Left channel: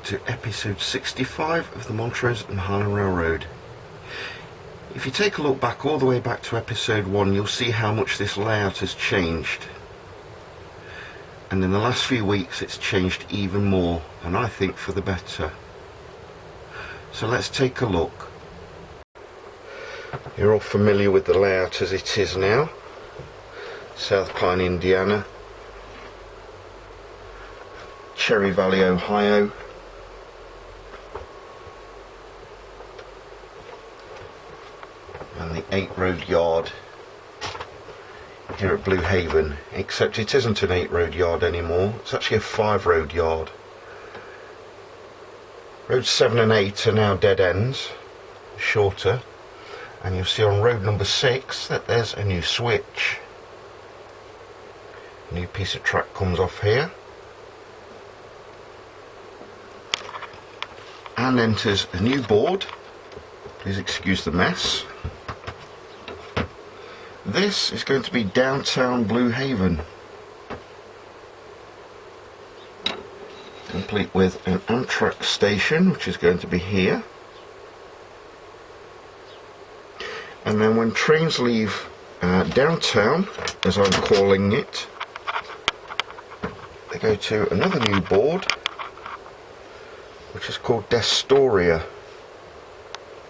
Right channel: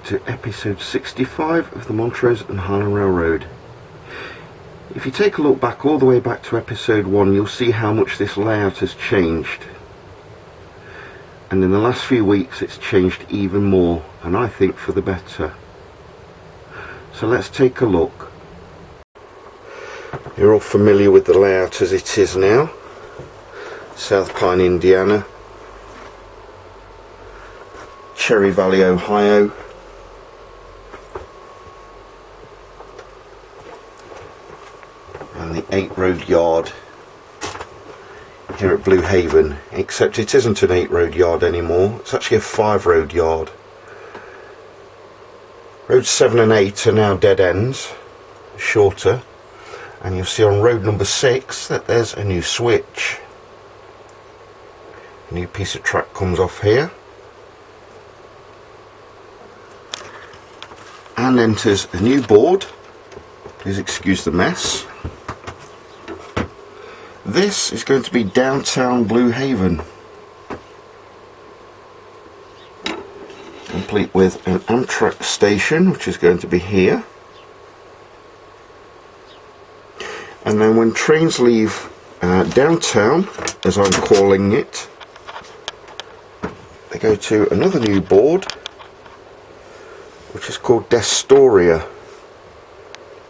back to episode 65 of the Montrose and Highland Railroad. If you take a look back all the way back to episode 1, you'll see how much this layout has changed. And in the last few weeks it's changed even more, and I think for the better. So let's take a look. You're all familiar with the layout as it is now. South Pine, Indiana. Cherry Valley, Ohio. And the 8 road yard here at Blue Haven, except it isn't an 8 road yard anymore, it's actually a 5 road yard. Roads 7 and 8 are now dead ends, shorter, and you'll see on road number 6 that there's a new switch. A new piece of track comes off here and enters a new board. Please excuse the mess. This is going to be downtown Blue Haven, complete with an Amtrak station, which is going to be here. And then when trains leave downtown, as I'm calling it, they go to another new board, which is called Destoria,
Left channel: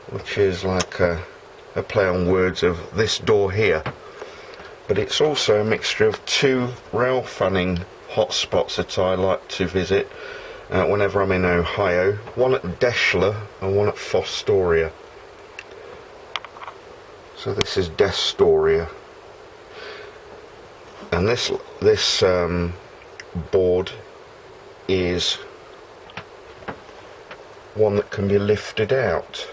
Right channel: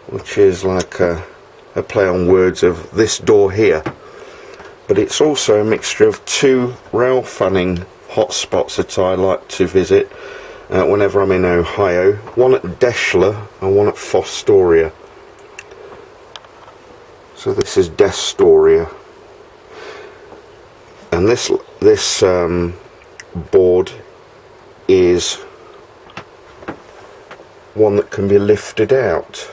which is like a play on words of this door here, but it's also a mixture of 2 rail fanning hotspots that I like to visit whenever I'm in Ohio, one at Deschler and one at Fostoria. So this is Destoria, and this board is one that can be lifted out.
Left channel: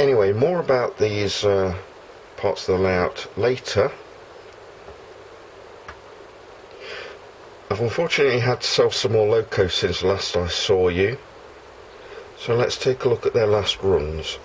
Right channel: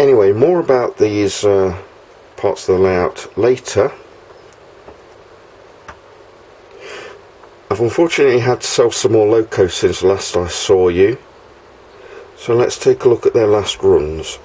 Anyway, more about these parts of the layout later. I've unfortunately had to sell some more locos since last I saw you, so let's take a look at their last runs.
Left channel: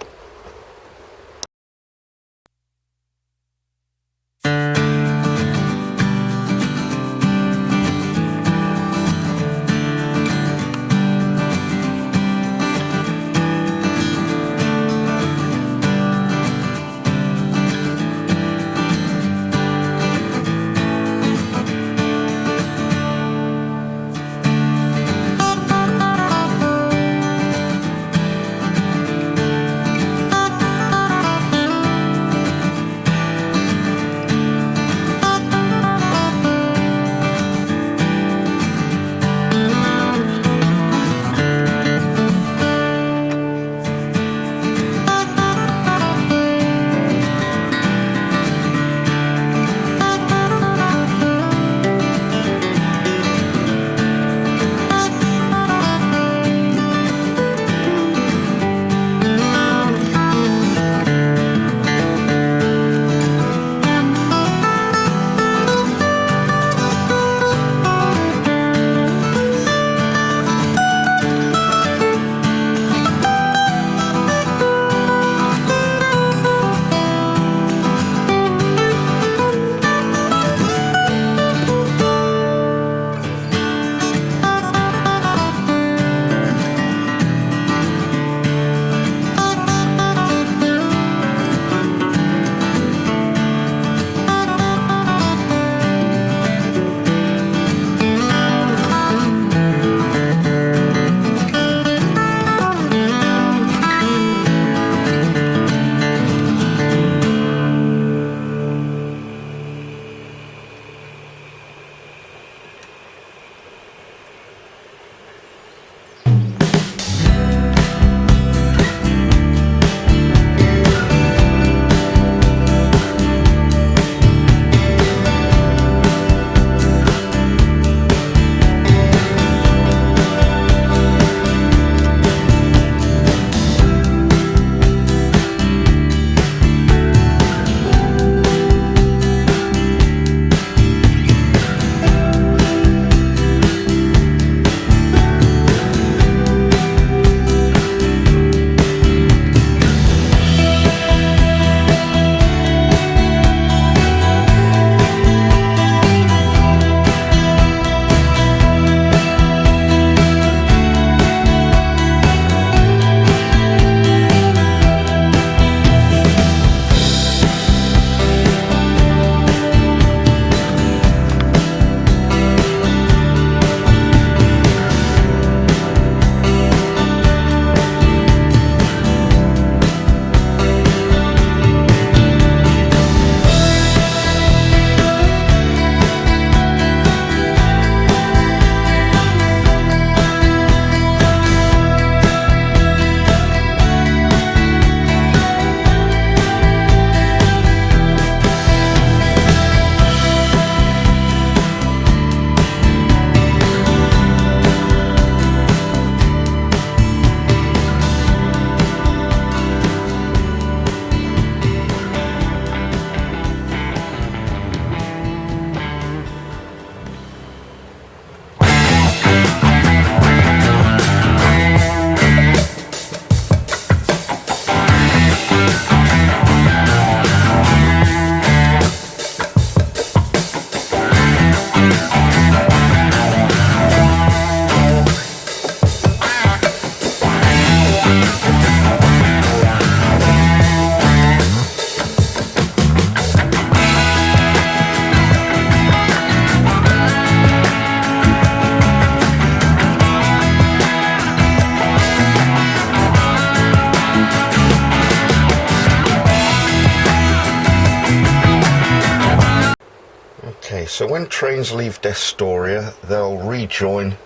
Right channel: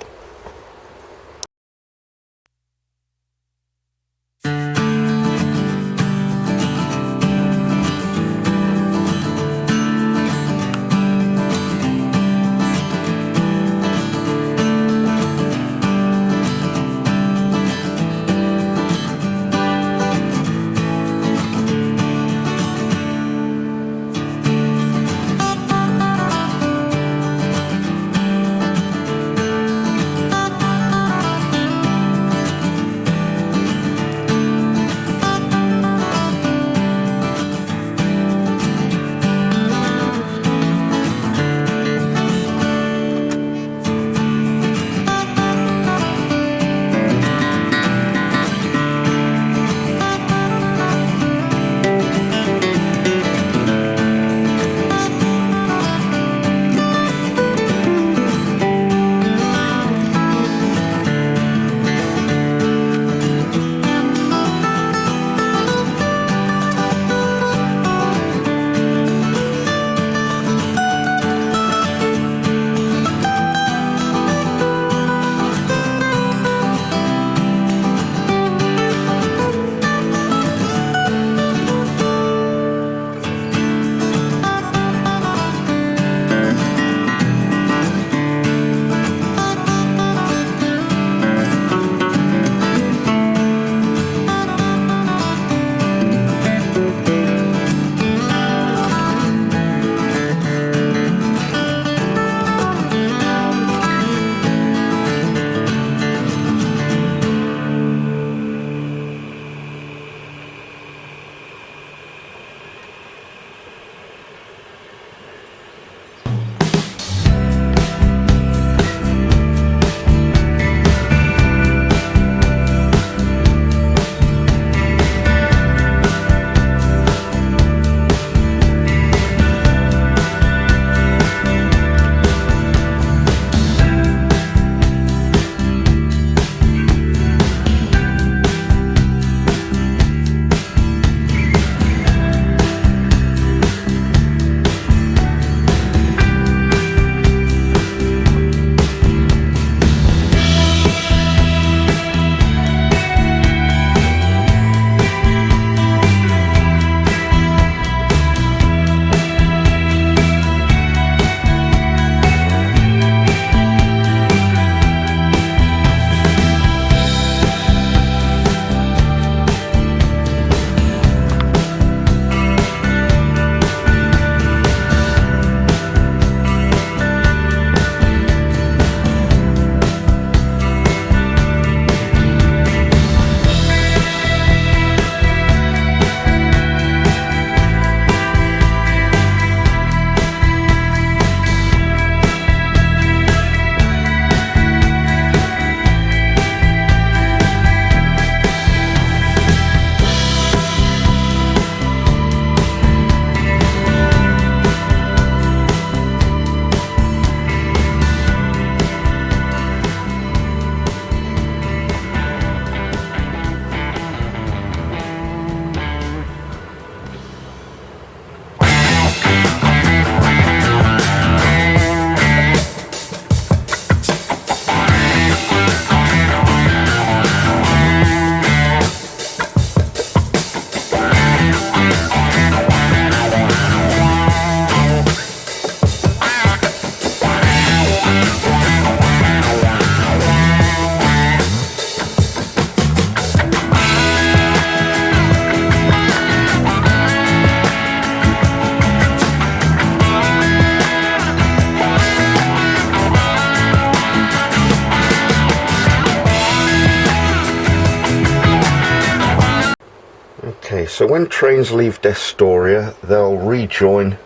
so when trains leave Destoria, they'll rejoin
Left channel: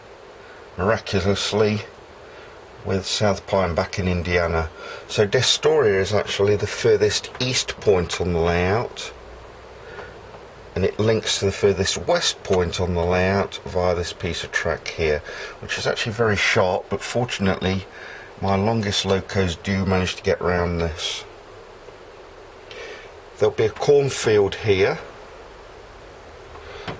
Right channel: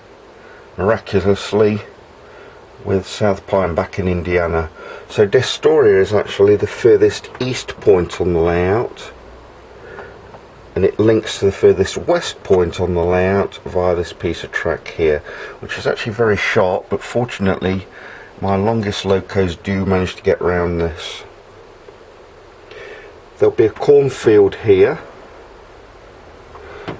miraculously with South Pine back in Indiana. So Destoria is actually the furthest east point on the layout, and it links to the furthest west point on the layout via this piece of track here, which is actually very sharp, but fortunately my longest locos do manage to get around this. There'll be a cornfield here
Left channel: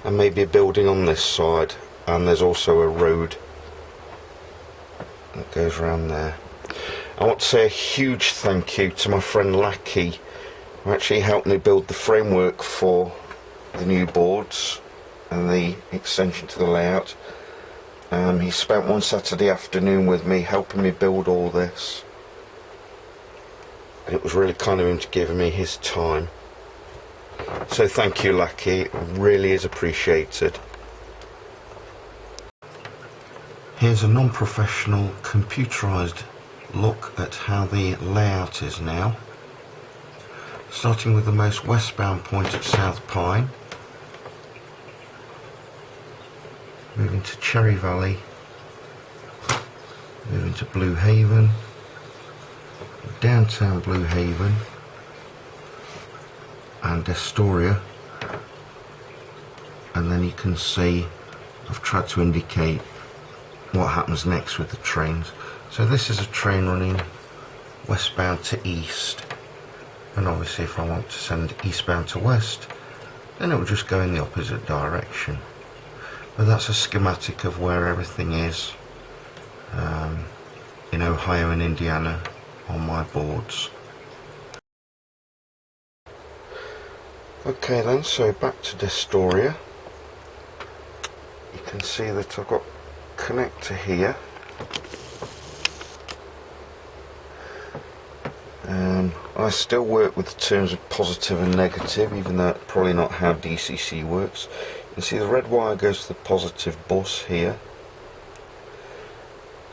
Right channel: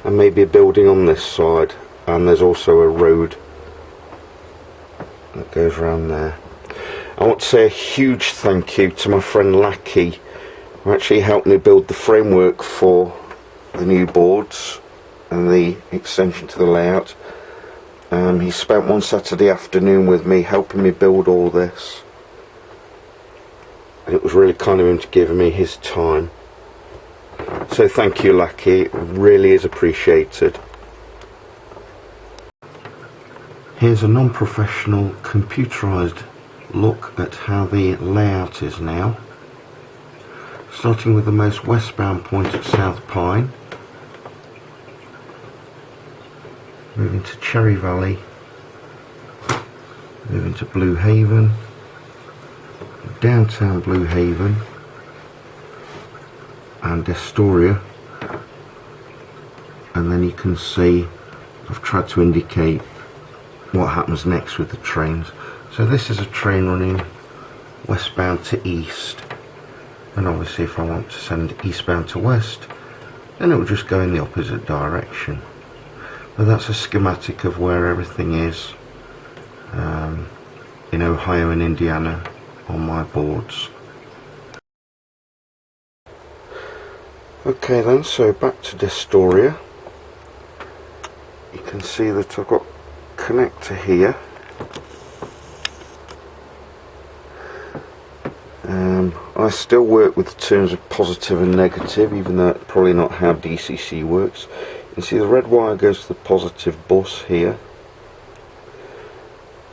and maybe a building on this side, and there's also a road that goes around there. I want to say a huge thank you to my friend Lackey, who actually helped me build the framework for the new boards and the extension to the layout. He spent one Saturday afternoon with me helping me build all this, and it was really kind of him to give me his time. So thank you, Lackey, it really is appreciated. Here's a non-professional computerized look at how the layout is now, starting with the most westbound point at South Pine, moving to Cherry Valley, moving to Blue Haven, downtown Blue Haven and Destoria, and then you can see I've tried to indicate what happens next with the trains. So this is a train running westbound to east, and obviously if I want to send eastbound to west, then it will just go in the opposite direction. But that's a schematic of where everything is in Ohio and Indiana on my boards. Okay then, so back to Destoria. You can see that I've got a connector here. I still work with the terms of positive and negative, even though it's probably not how DCC works. You can see the red wire goes to the positive bus here,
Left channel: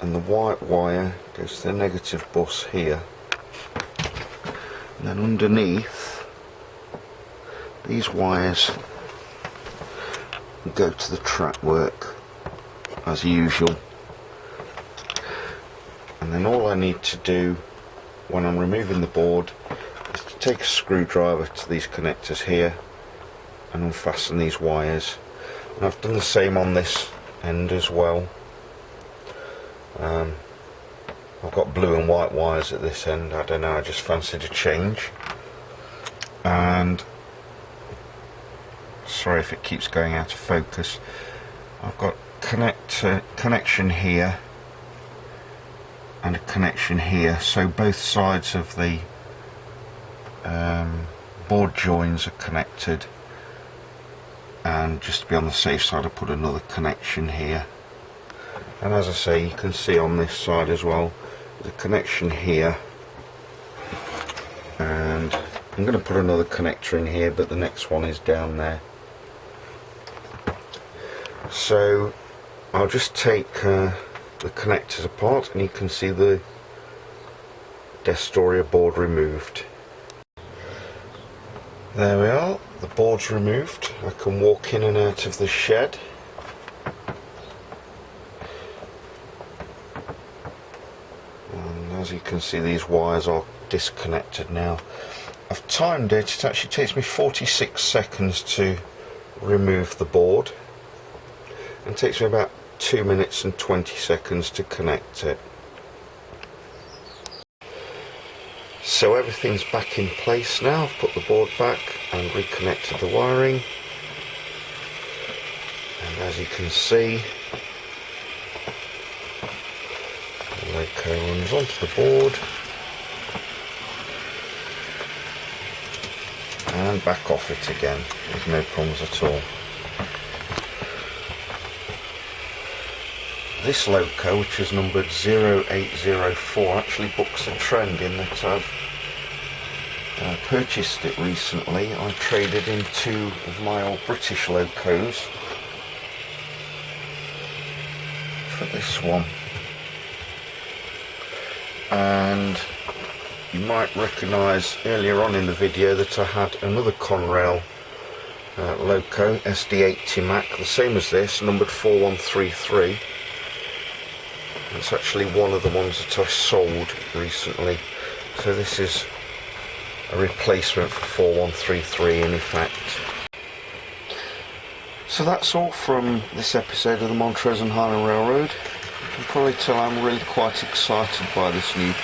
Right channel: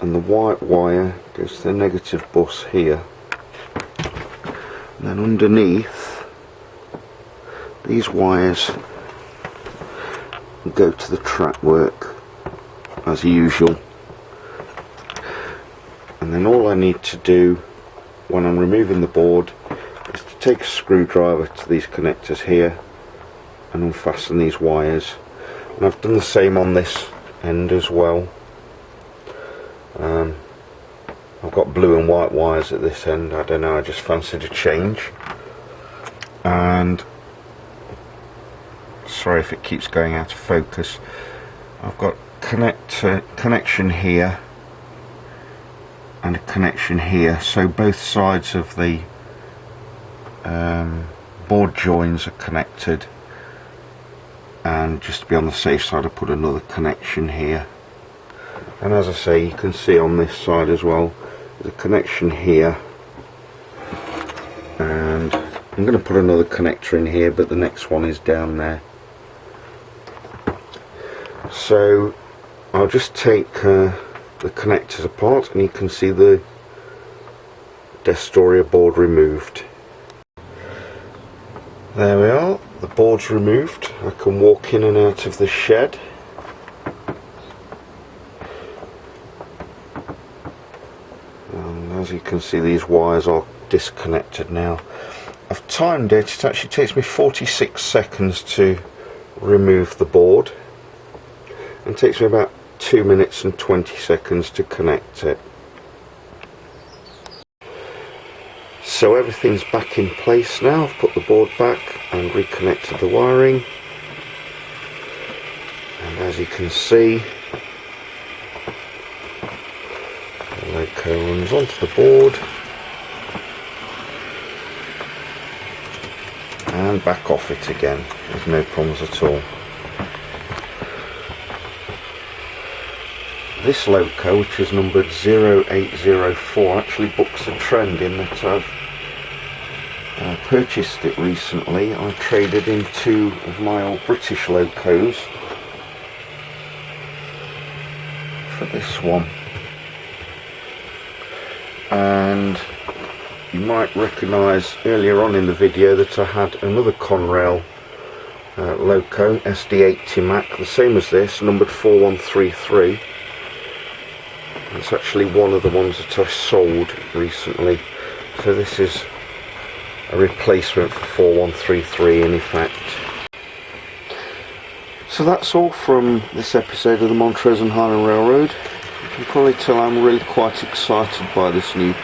and the white wire goes to the negative bus here. And then underneath, these wires go to the track work as usual. And then all I need to do when I'm removing the board is to take a screwdriver to these connectors here and unfasten these wires. And I've done the same on this end as well. I've got blue and white wires at this end. I don't know, I just fancied a change. And sorry if it keeps going out of focus. I've got connection here and a connection here, so both sides of the board joins are connected, and just to be on the safe side I put another connection here. And as I say, you can see on this side as well, there's a connection here, and I'm going to put another connector in here, but the next one is down there. So I'll just take the connectors apart, and you can see the Destoria board removed. There we are, the board's removed. I can walk in and out of the shed. And as you can see, these wires are disconnected now. I've timed it, it actually takes me 46 seconds to remove the board, and it takes me about 2 minutes and 20 seconds to connect it. So everything's back in place now. I've put the board back and reconnected the wiring, and as you can see, the loco runs onto the board and back off it again. There's no problems at all. This loco, which is numbered 0804, actually books a trend in that I've purchased it recently. I traded in 2 of my old British locos for this one. And you might recognise earlier on in the video that I had another Conrail Loco SD80 Mac, the same as this, numbered 4133. It's actually one of the ones that I sold recently, so this is a replacement for 4133 in effect. So that's all from this episode of the Montrose and Highland Railroad. You can probably tell I'm really quite excited by this new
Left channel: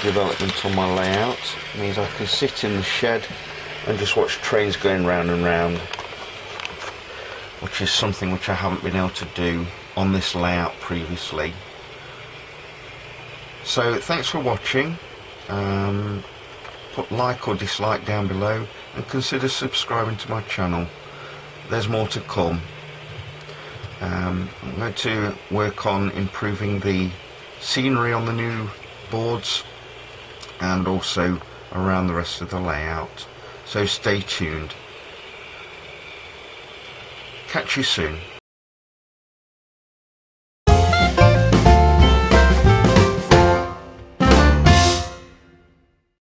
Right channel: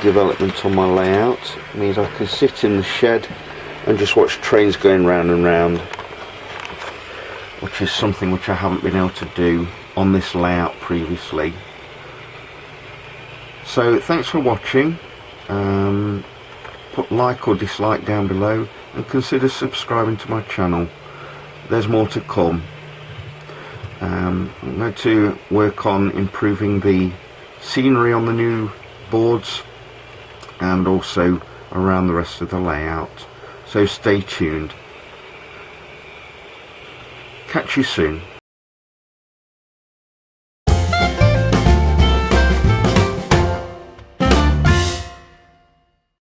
development on my layout. It means I can sit in the shed and just watch trains going round and round, which is something which I haven't been able to do on this layout previously. So thanks for watching. Put like or dislike down below and consider subscribing to my channel. There's more to come. I'm going to work on improving the scenery on the new boards and also around the rest of the layout. So stay tuned. Catch you soon.